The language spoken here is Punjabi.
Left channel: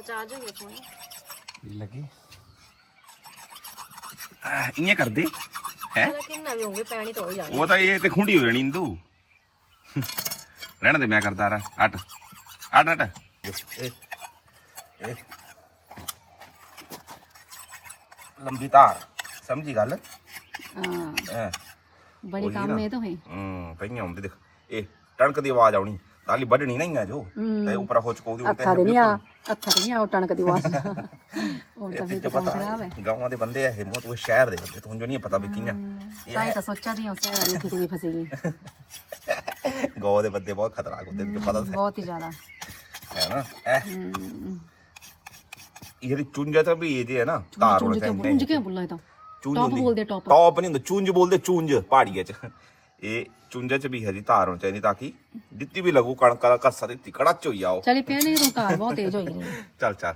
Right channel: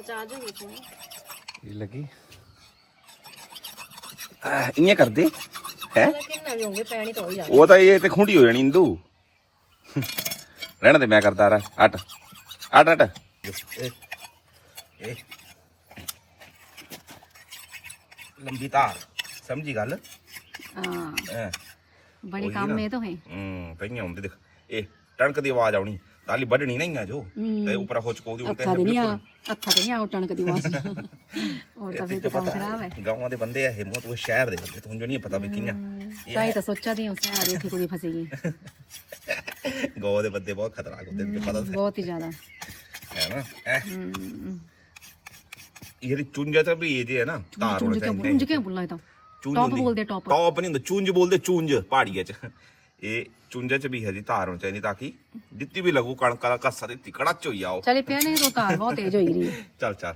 ਪਚਾ ਜਾਈਏ ਕੋਈ ਇਹ ਲੱਗੀ ਇਵੇਂ ਕਰਦੇ ਹੈ ਉਹਦਾ ਕਿੰਨਾ ਵੀ ਹੋਵੇ ਪੈਣੀ ਤਾਂ ਹੋ ਹੀ ਜਾਣੀ ਉਹ ਤਾਂ ਇਹ ਤੇ ਖੁੰਡੀ ਹੋ ਜਾਣੀ ਇੰਦੂ ਰਹਿਣ ਦੇ ਮੈਂ ਕਰਦਾ ਰਾ ਅੱਟ ਅੱਟ ਅੱਟ ਇਹ ਲੰਬੀ ਤਾਰ ਸਮਝੀ ਗੱਲ ਹਾਂ ਬੜੀ ਕੰਮ ਇਹ ਤਾਂ ਹੈ ਪਈਆਂ ਹੁੰਦੇ ਦੇਖ ਇਹ ਟਣਕ ਦੀ ਆਵਾਜ਼ ਆਉਣੀ ਤਾਲੀ ਵੱਢਣੀ ਨਹੀਂ ਆ ਜੋ ਤੇ ਉੱਪਰ ਹੋ ਚਕੋ ਦੀ ਉੱਤੇ ਅੱਥਾ ਨਹੀਂ ਆ ਟਣਕ ਦੀ ਆਵਾਜ਼ ਉਹ ਤਾਂ ਇਹ ਪਤਾ ਗਾਵਾਂ ਦੇ ਬੰਦੇ ਆ ਇਹ ਮੋਤ ਉਹ ਸ਼ਹਿਰ ਦੇ ਬੰਦੇ ਤੁਹਾਨੂੰ ਜੋ ਨਹੀਂ ਪਤਾ ਵੀ ਕਿੰਨਾ ਇਹ ਤਾਂ ਸੋਚਿਆ ਨਹੀਂ ਉਸ ਤਰ੍ਹਾਂ ਦੀ ਕੋਈ ਫਸੀ ਗਈ ਗਾਵਾਂ ਦੇ ਬੰਦੇ ਬਹੁਤ ਖਤਰਨਾਕ ਹੁੰਦੇ ਨੇ ਪਤਾ ਬਹੁਤ ਹੀ ਜ਼ਿਆਦਾ ਹੈ ਨਾ ਇਹ ਚੁੰਝਾ ਤਾਂ ਵੀ ਇਹ ਜੇ ਹੈ ਨਾ ਤਾਰ ਹੋਣਾ ਚਾਹੀਦਾ ਚੁੰਝ ਕਿਉਂ ਬੋਲਣਾ ਇਹ ਤਾਂ ਟੌਪ ਬੋਲਦੇ ਟੌਪ ਨਹੀਂ ਹੁੰਦਾ ਚੁੰਝ ਬੋਲਦੇ ਚੁੰਝ ਪਹਾੜੀਆਂ ਚ ਇਹ ਚੁੰਝਾ ਚ ਵੀ ਹੈ ਜੀ ਤਾਰ ਹੋਣੀ ਚਾਹੀਦੀ ਤਾਂ ਕਿ ਜਿੱਤੀ ਵੀ ਲੱਗੂ ਕਣਕ ਦਾ ਕੱਸਾ ਦਿੱਤੀ ਕੜਾਚ ਹੋਈ ਆਓ ਚਲੇ ਪਿਆ ਨਹੀਂ ਰੋਤਾ ਬਹੁਤ ਤੇਜ਼ ਹੋਈ ਰਹੀ ਚੱਲ ਚੱਲ